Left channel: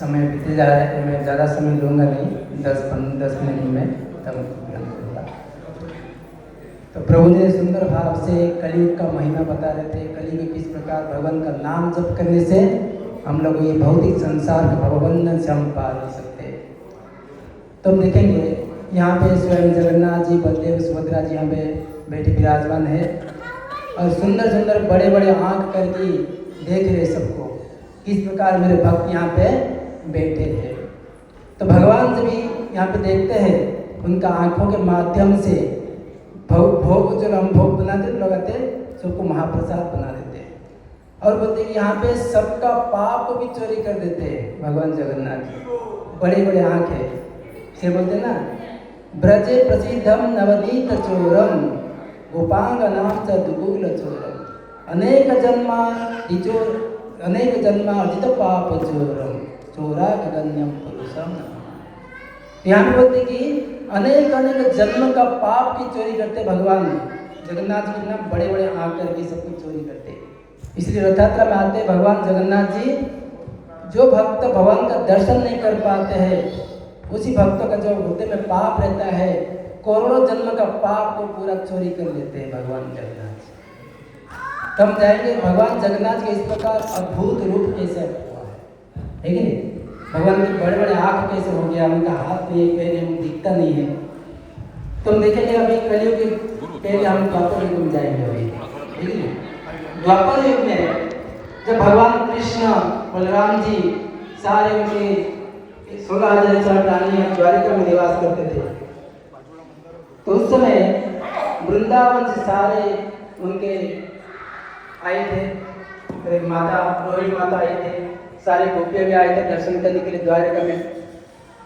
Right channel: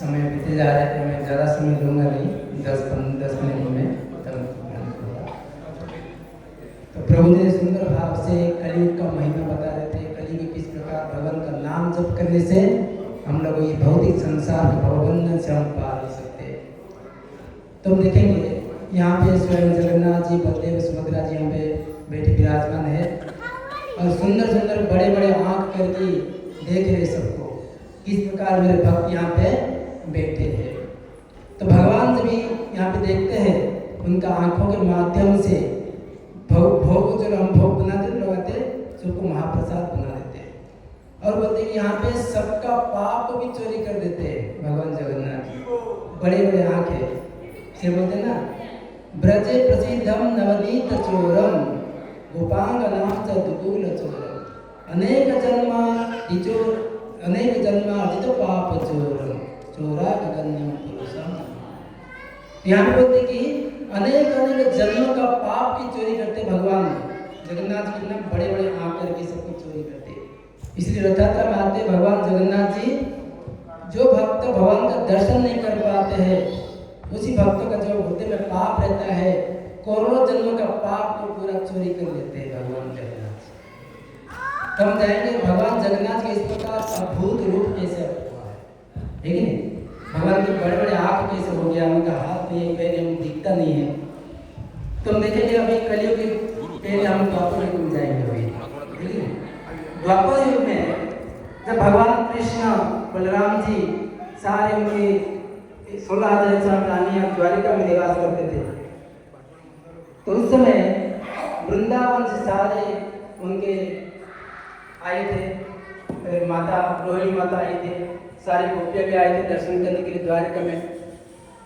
समय बीते जा रहा है तो मैं ज़्यादा समय लूँगा नहीं, 10 मिनट में तब होगा। तो प्रभु ने सुंदर भाव से कलयुग का महिमा बता रहे थे, कलयुग किस प्रकार भगवान का नाम जप करने से हम लोग ये भौतिक संसार के भवबंधन से हम पार हो सकते हैं। तो हम देखेंगे यहाँ पे स्वयं जगन्नाथ जी, बलदेव, सुभद्रा जी यहाँ पे बैठे विराजमान है और सुंदर सुंदर बड़े बड़े आँख करके देख रहे सबको, किस प्रकार मेरे भक्त यहाँ पे बैठे हैं। तो भगवान जब भी यहाँ पे देखते हैं उनका आंखों के माध्यम से भोग जो हम भोग बनाते लगाते सबको महाप्रसाद बना देते हैं और बोलते कि यहाँ पे सबका पाप को भी चोरी कर देते हैं भगवान जगन्नाथ जी। बड़े बड़े आँख है, फिर बोलते ना ब्रजे प्रसिद्धम नवनीत चोरम गोपांगनाम च दुगुल चोरम अनेक जन्मा अर्जित पाप चोरम चोरा गगन्यम पुरुषम। यहाँ पे बोलते कि अनेक अनेक जन्म का पाप की चोरी करते भगवान जगन्नाथ जी, कितना बड़े बड़े आँख करके सब कुछ चोरी करते। इसलिए रथ यात्रा में आते भगवान जगन्नाथ जी, जो भक्त भगवान का दर्शन नहीं कर पाते हैं उसी भक्त का जो हृदय में पाप रहता है, करोड़ों जन्म का पाप को पूरा चोरी कर लेते हैं भगवान जगन्नाथ जी। तो हम जाएंगे भगवान जगन्नाथ के इस प्रकार अद्भुत रूप कैसे हुआ है कि नहीं। भगवान के बड़े बड़े आँख कैसे हो गया, उनका हाथ नहीं, पैर हम दिखता नहीं है। तो हम देखेंगे अभी कलयुग के पहले हम द्वापर युग में जाएंगे अभी, ठीक है। द्वापर युग में जब भगवान कृष्ण बलराम जी सारे उनके 16,000 रानियां द्वारिका में निवास करते थे, तो उस समय वृंदावन से सारे उनके आए थे, माता रोहिणी माता आई थे, सारे गोपियाँ भी आए थे दर्शन करने के लिए द्वारका में।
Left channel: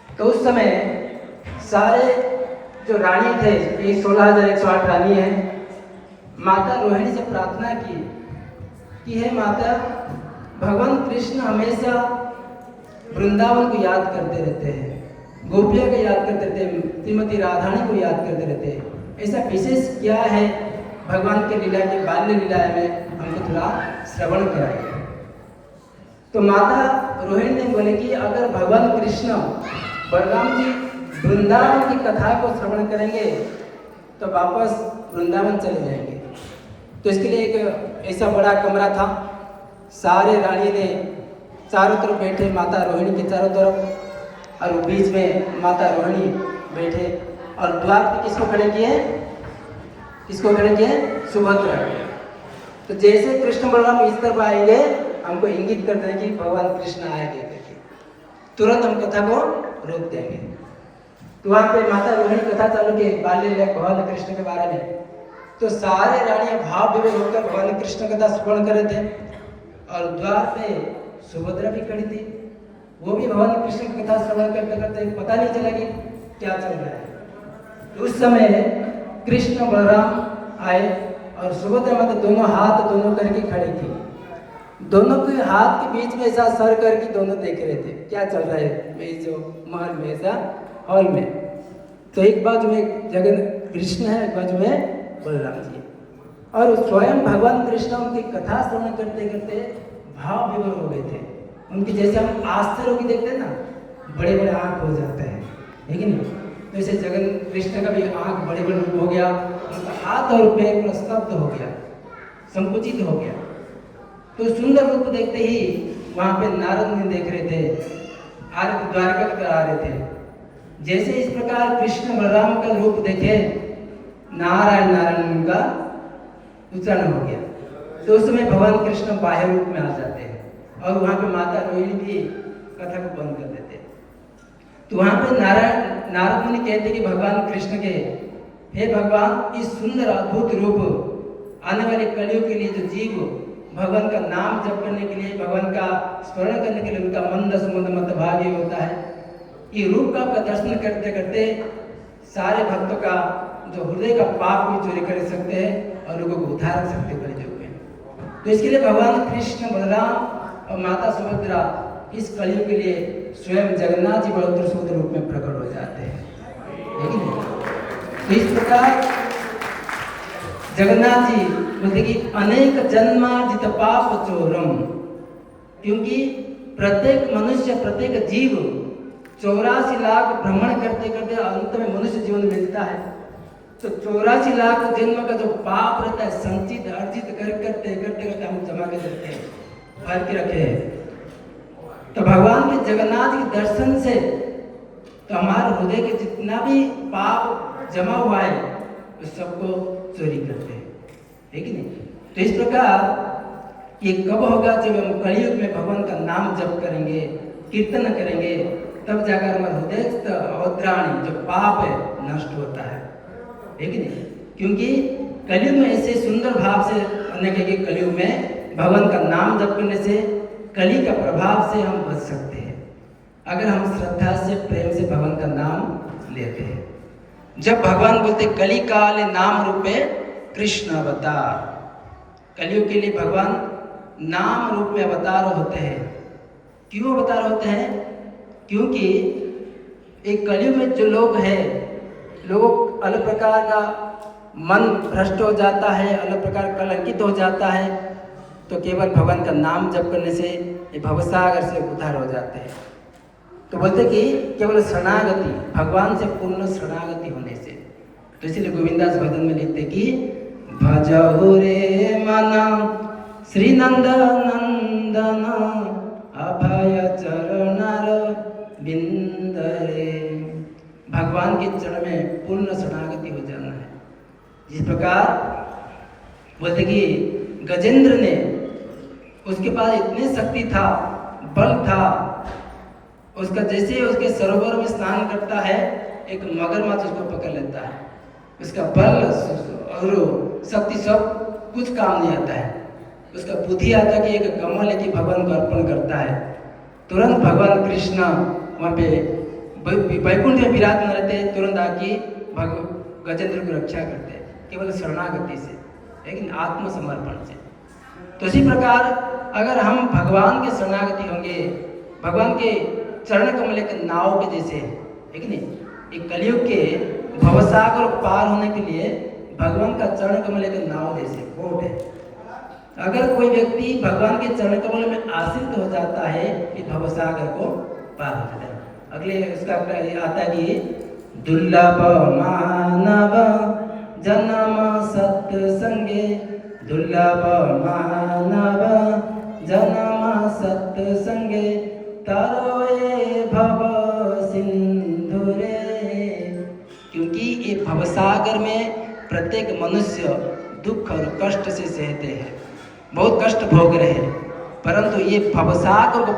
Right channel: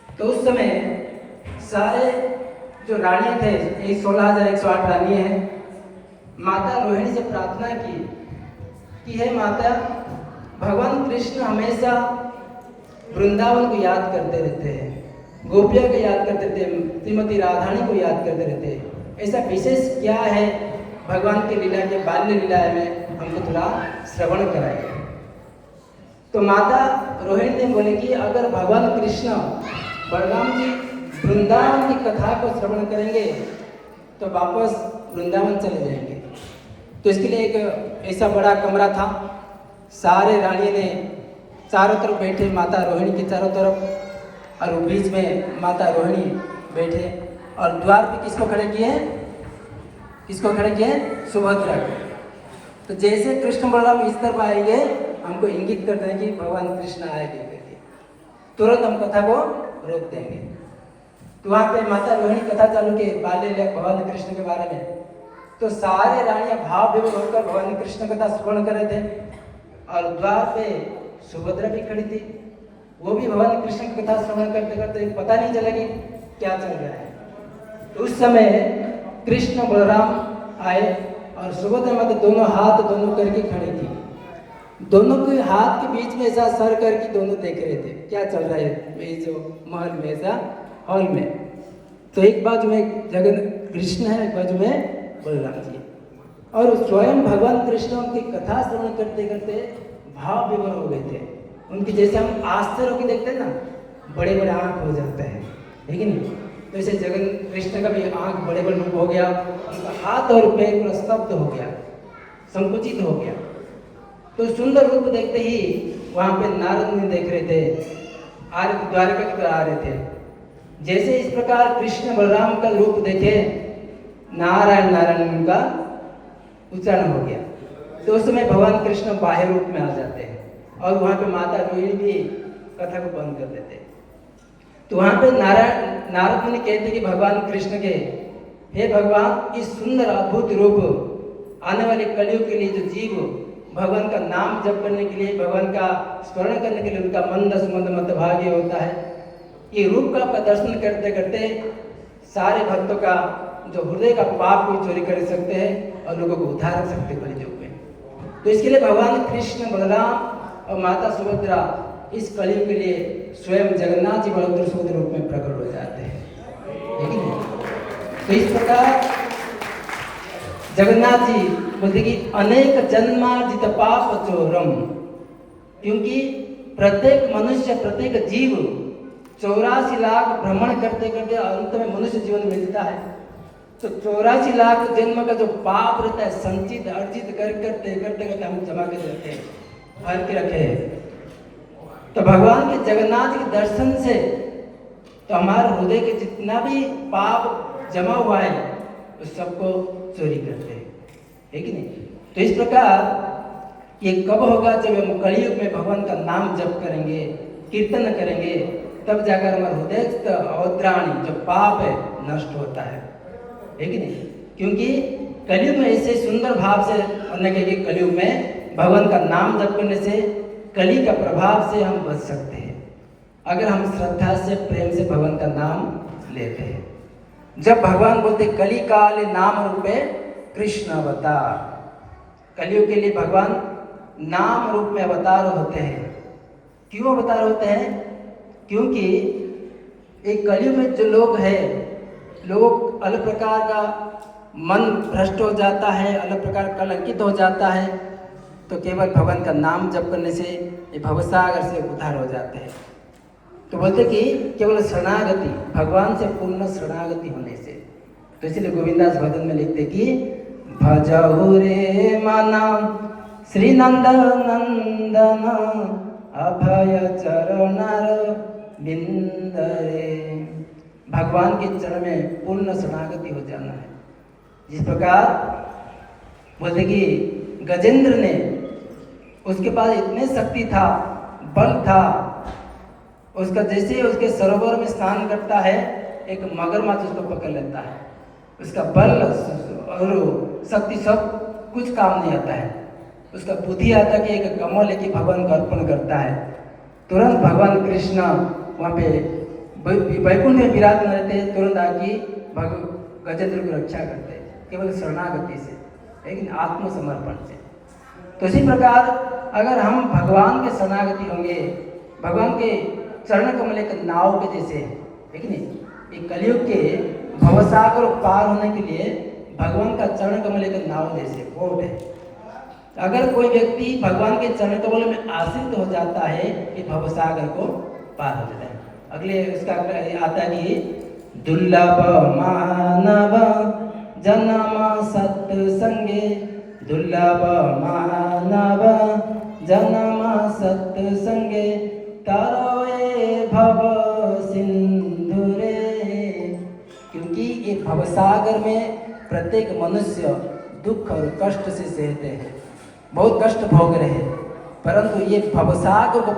तो उस समय सारे जो रानी थे, ये 16,108 रानी है, माता रोहिणी से प्रार्थना की कि हे माता, भगवान कृष्ण हमेशा वृंदावन को याद करते रहते हैं, गोपिया को याद करते रहते हैं, श्रीमती राधानी को याद करते रहते हैं, ऐसा विशेष क्या है भगवान के लीला के बाल्य लीला में, हमको थोड़ा श्रवण कराइए। तो माता रोहिणी ने बोले कि अगर भगवान कृष्ण बलराम जी वृंदावन की कथा को श्रवण करेंगे तो वापस वृंदावन चले जाएंगे। तो इसके लिए एक ऐसा बड़ा कमरा था, सारे रानी ने चारों तरफ बैठे, माता रोहिणी के चारों तरफ, और बीच में माता रोहिणी बैठे, और द्वार पे किसको खड़े किए हैं, किसको खड़े किए हैं, सुभद्रा। तो जैसे कृष्ण बलराम इस तरफ आएंगे हमको इंगित कर देंगे कि भगवान कृष्ण आएंगे करके, तुरंत हम कथा को रोक देंगे। तो वहाँ पे माता रोहिणी कथा चालू की बाल्य लीला भगवान कृष्ण के बारे में। तो सारे रानियां भाव विभोर होकर भगवान कृष्ण कथा श्रवण कर रहे थे, और द्वार पे सुभद्रा भी खड़ी थी, वो भी भगवान कृष्ण की कथा श्रवण करते करते पता नहीं चलेगी क्या चल रहा है। तो उस समय कृष्ण बलराम आए और सुभद्रा माता दोनों हाथ दोनों करके खड़ी थी, दोनों के हाथ के बीच में ऐसा सर करके दोनों देख रहे थे क्या चल रहा है मेरे जो महल में, ऐसा हॉल में। तो एक बाजू में जगन कृष्ण है, एक बाजू में बलराम जी, और स्वयं भगवान कृष्ण उनकी कथा श्रवण करते करते भाव विभोर हो गए थे। उनकी जैसे हम आश्चर्य की देखते हैं ना, बड़े बड़े आँख हो जाते हैं, ठीक है ना, तो ऐसे जगन कृष्ण का भी आँख बड़े बड़े हो गया, उनका हाथ और पैर पूरा स्तब्ध हो गया, संकुचित हो गया। तो सुंदर रूप देखते ही वहाँ पे नारद मुनि देख रहे थे, द्वारका की तरफ आ रहे थे। जैसे इस प्रकार कृष्ण बलराम का रूप देखे, नारायण नारायण का उच्चारण हो गया। तो उस समय भगवान कृष्ण बाह्य रूप में आ जाते हैं, और वहाँ पे माता रोहिणी भी कथा को बंद कर देते। तो वहाँ पे नारद मुनि कहते कि भगवान कृष्ण के, हे भगवान, इस सुंदर अद्भुत रूप आने वाले कलयुग के लिए जो जीव भगवान का नाम जप करने के लिए, भगवान का स्मरण करने के लिए उनका मन दसमंद मध्यभागी होता है, ये रूप का आपका दर्शन करते करते सारे भक्तों का जो हृदय का पाप भी चोरी कर सकते हैं और लोगों को उद्धार कर सकते हैं कलयुग में। तो इसके लिए भगवान कृष्ण बलराम और माता सुभद्रा इस कलयुग के लिए स्वयं जगन्नाथ जी बड़ोत्तर सुंदर रूप में प्रकट हो जाते हैं, लेकिन तो इस प्रकार जगन्नाथ जी बोलते कि अनेक जन्मार्जित पाप चोरम, क्योंकि प्रत्येक मनुष्य, प्रत्येक जीव 84 लाख भ्रमण करते करते अंत में मनुष्य जीवन मिलता है। तो 84 लाख जन्म का जो पाप रहता है संचित अर्जित करते करते हम जमा के रखते हैं, भर के रखे हैं। तो भगवान के जगन्नाथ के दर्शन से तो हमारे हृदय के जितना भी पाप जमा हुआ है उस सबको चोरी करते हैं, है कि नहीं? तो इस प्रकार ये कब होगा? जब हम कलयुग में भगवान का नाम जप करेंगे, कीर्तन करेंगे, तब जाकर हमारा हृदय अवत्राणी जो पाप है नष्ट होता है कि नहीं? क्योंकि कलयुग में ऐसे सुंदर भाव से अन्य के कलयुग में भगवान का नाम जप करने से कली का प्रभाव से हम बच सकते हैं, अगर हम श्रद्धा से प्रेम से भगवान का नाम लेते हैं। जब भगवान बोलते कली काल नाम रूपे कृष्ण अवतार, कलयुग के लिए भगवान नाम रूप में अवतार होते हैं। क्यों अवतार होते हैं? क्योंकि एक कलयुग में जो लोग हैं, लोग अलग प्रकार का मन भ्रष्ट हो जाता है, अलग प्रकार कलंकित हो जाता है, तो केवल भगवान का नाम जप करने से ये भवसागर से उद्धार हो जाते हैं। तो बोलते कि केवल शरणागति, भगवान से पूर्ण शरणागति होने से। तो इसलिए गोविंदास भजन में लिखते कि भजहु रे मन श्री नंद नंदन अभय चरण बिंद रे। भगवान के चरण में पूर्ण शरणागति हो जाना है। जिस प्रकार बोलते कि गजेंद्र ने, उसके पास इतनी शक्ति था, बल था, उसका जैसे उसके सरोवर में स्नान करता है एक मगरमच्छ उसको पकड़ लेता है। उसका बल और शक्ति सब कुछ काम नहीं आता है। उसका बुद्धि आता कि एक कमल लेके भगवान को अर्पण करता है, तुरंत भगवान कृष्ण वहाँ पे वैकुंठ में विराजमान रहते, तुरंत आके गजेंद्र को रक्षा करते हैं, केवल शरणागति से, लेकिन आत्मसमर्पण से। तो इसी प्रकार अगर हम भगवान के शरणागति होंगे, भगवान के चरण कमल के नाव के जैसे, है कि नहीं? एक कलयुग के भवसागर पार होने के लिए भगवान का चरण कमल के नाव जैसे बोट है। अगर कोई व्यक्ति भगवान के चरण कमल में आश्रित हो जाता है, ये भवसागर को पार हो जाता है। अगले उसका आता है कि दुर्लभ मानव जन्म सत्संगे, दुर्लभ मानव जन्म सत्संगे तारोए भव सिंधु रे। क्योंकि ये भवसागर में प्रत्येक मनुष्य दुख और कष्ट से सहते हैं, बहुत कष्ट भोग रहे हैं, परंतु ये भवसागर को